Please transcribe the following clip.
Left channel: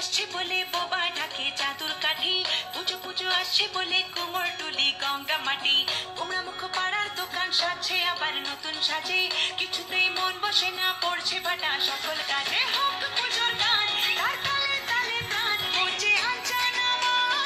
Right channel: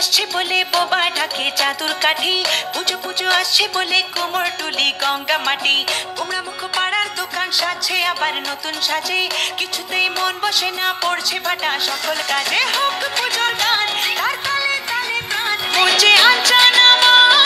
আসছে বলে বোবা ঢাকে চাদুর কাঠি, পুজো পুজো আসছে বলে কোমর টুলি গঙ্গা মাটি। কুমড়া মুখ পাড়ার দোকান সাজছে আবার নতুন সাজে, কিছুতেই মন বসে না, পড়ছে ভাটা সকল কাজে। হোক পুজোর গান, তার তালে তালে প্রাণ, মঞ্চে আনচান আমার